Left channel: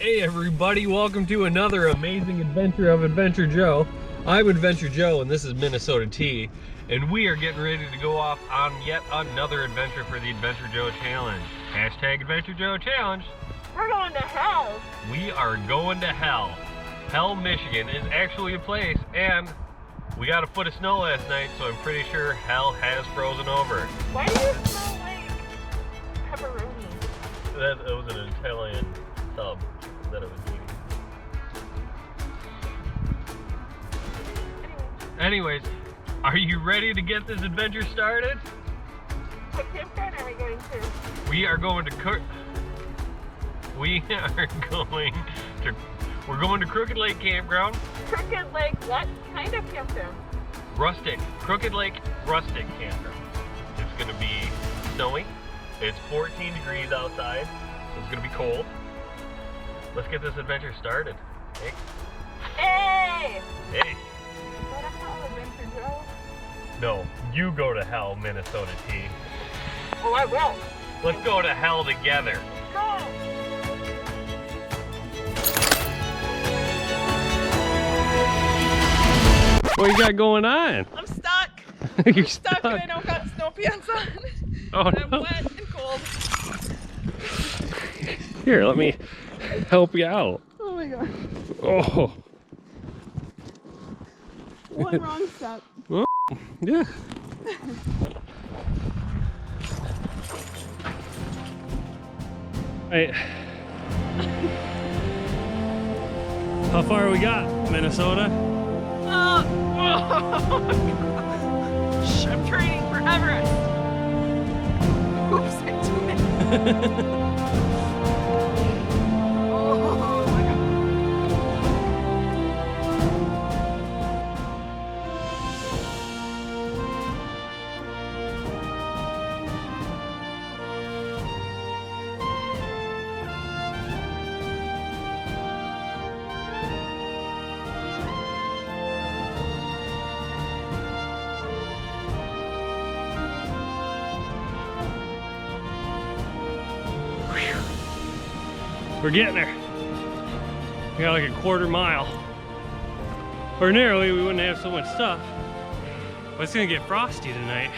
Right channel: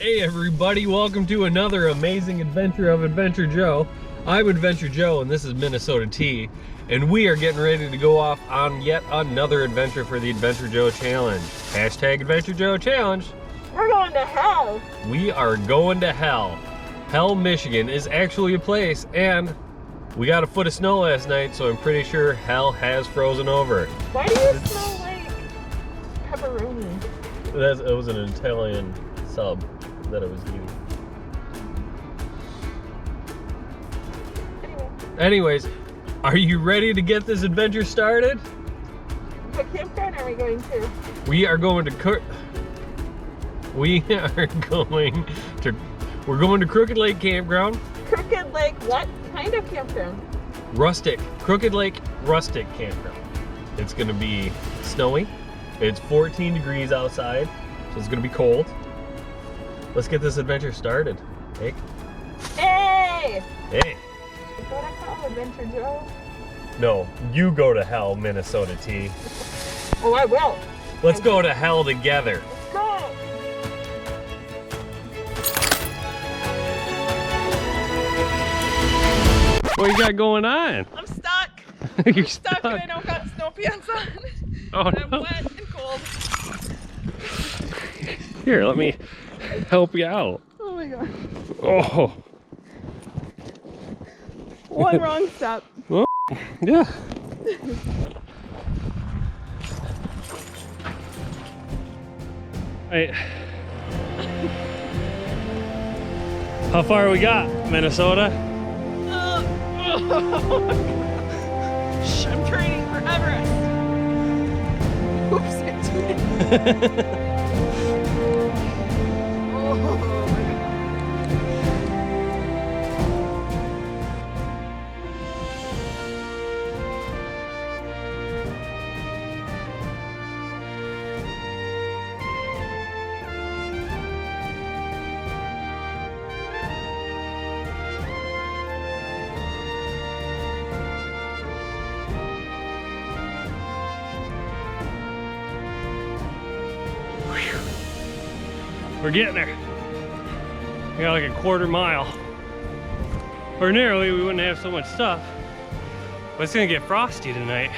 Hey everybody, welcome to another amazing adventure of Adventure Joe. I'm Adventure Joe and this is Minnesota T, and we are getting ready to go off on yet another adventure for the Adventure Joe Challenge. Hashtag Adventure Joe Challenge. We're going to hell. We are going to hell. Hell, Michigan is actually a place, and we got a foot of snow last night, so I'm pretty sure hell has frozen over. Why do you smell like pepperoni? It was an Italian sub that it was eating. Anyways, are you ready to get this adventure started? What campground are we going to? We're going to Crooked Lake Campground. Crooked Lake, what kind of campground? Crooked Lake Rustic Campground. It's gonna be snowy. It's 14 degrees outside, so it's gonna be cold. Let's get this adventure started. Hey. Hey! Hey. Is that a hell, Adventure Joe? No, you go to hell, Minnesota T. Oh, I will. Let's go to hell together. Go! What you got going on? I'm stuck. You're stuck and I don't got snow pants on. Oh, I'm no. wet and cold. Here, let me help you out. Oh my god. Oh. One wrong step. Well, yeah. Hey. How far we got, Minnesota? Shh, I'm training for Everest. Oops, I did it. Oh my god. We're getting there. We got like a quarter mile. Ordinarily, we wouldn't have so much stuff, but it's gonna get frosty tonight.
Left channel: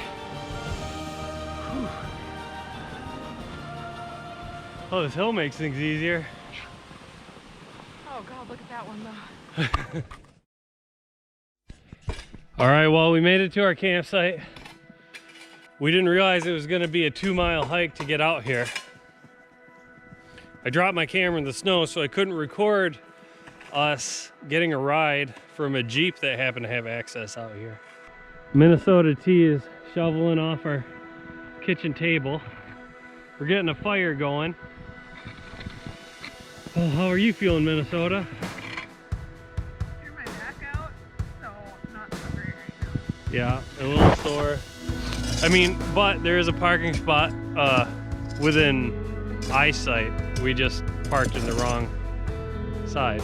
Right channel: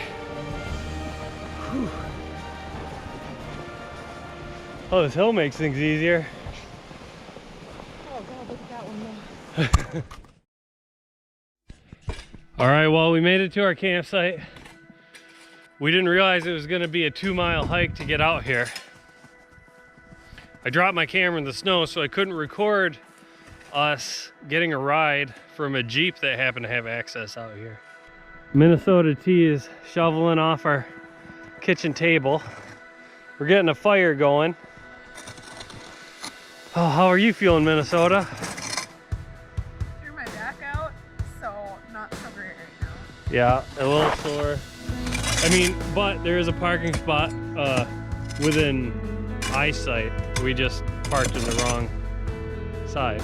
Whew. Oh, this hill makes things easier. Oh god, look at that one though. All right, well, we made it to our campsite. We didn't realize it was gonna be a 2-mile hike to get out here. I dropped my camera in the snow, so I couldn't record us getting a ride from a Jeep that happened to have access out here. Minnesota T is shoveling off our kitchen table. We're getting a fire going. Oh, how are you feeling, Minnesota? Threw my back out, so not so great right now. Yeah, a little sore. I mean, but there is a parking spot within eyesight. We just parked in the wrong side.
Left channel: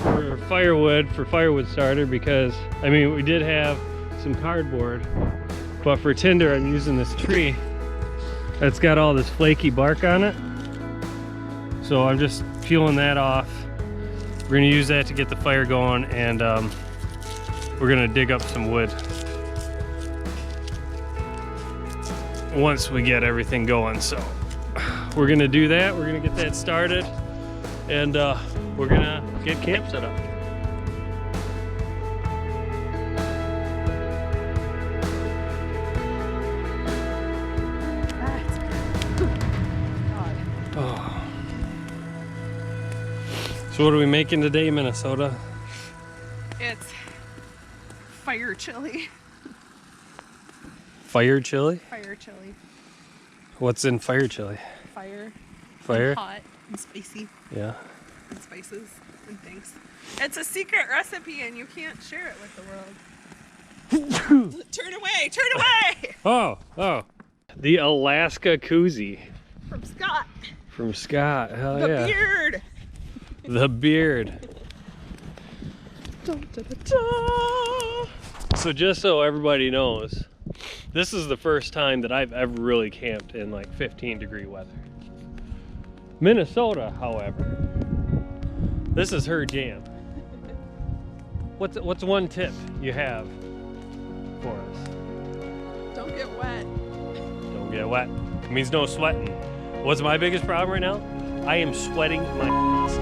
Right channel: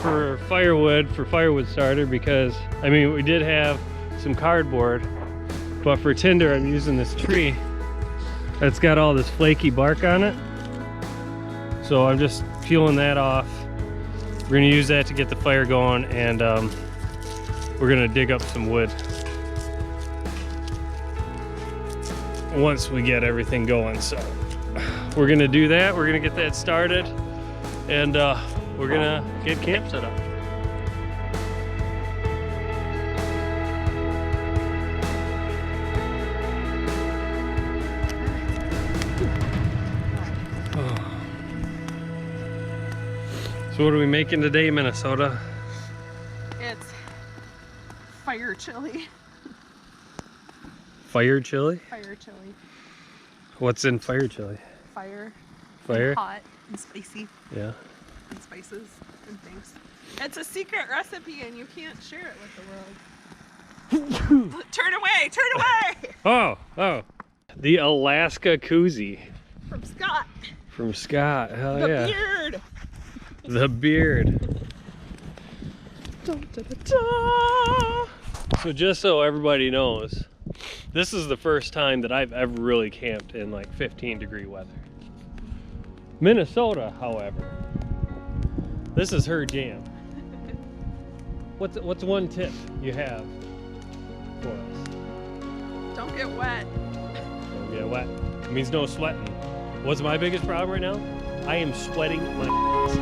For firewood starter, because I mean, we did have some cardboard, but for tinder I'm using this tree that's got all this flaky bark on it, so I'm just peeling that off. We're gonna use that to get the fire going, and we're gonna dig up some wood once we get everything going. So we're gonna do that. We're gonna get that started, and we're gonna get camp set up. Oh. So what are we making today, Minnesota? It's fire chili. Fire chili? Fire chili. What's in fire chili? Fire. Fire? And hot and spicy. Yeah. And spices and things. It's a secret recipe and you can't share it with the world. Turn away! Turn away! Oh. The Alaska koozie. From Scott. From Scott. Hell The yeah. beard. The beard. Dun, dun, dun, dun. So just so everybody knows, this is the first time that I've ever really camped in like 15-degree weather. Minnesota, however, this is her jam. What's one tip you have for us? Don't get wet. Don't get wet. It means no sweating. What's my biggest problem right now? I am sweating my ass.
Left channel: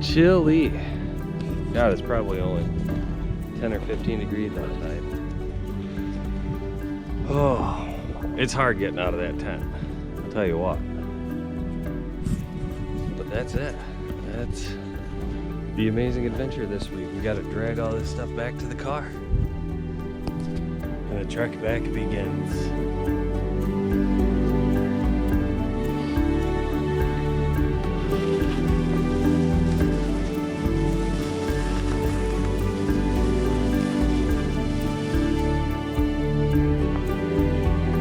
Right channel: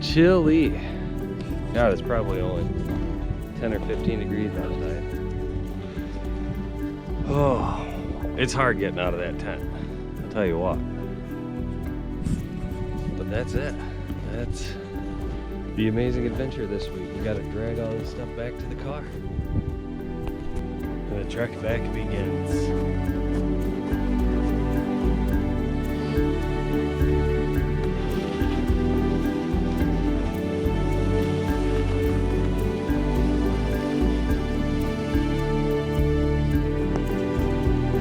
Chilly. God, it's probably only 10 or 15 degrees outside. Oh, it's hard getting out of that tent, I'll tell you what. But that's it. That's the amazing adventure this week. We got to drag all this stuff back to the car. And the trek back begins.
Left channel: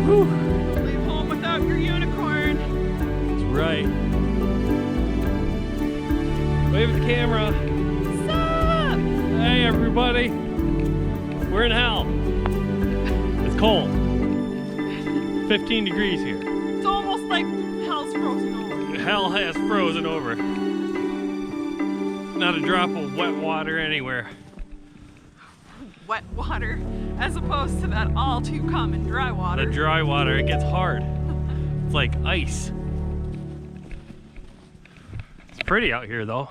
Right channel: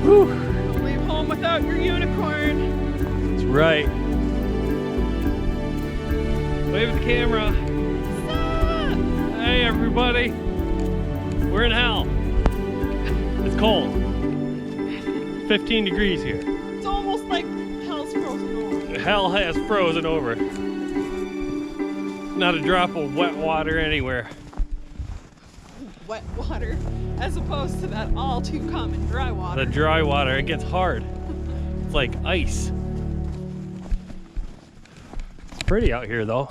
Whew. Don't leave home without your unicorn. That's right. Wave at the camera. Stop! Hey everybody. We're in hell. It's cold. 15 degrees here. It's almost like hell's frozen over. Hell has frozen over. Not a drop of wet water anywhere. Wet water, as opposed to that all too common dry water. The dry water, it gets hard. It's like ice. It's pretty out here though.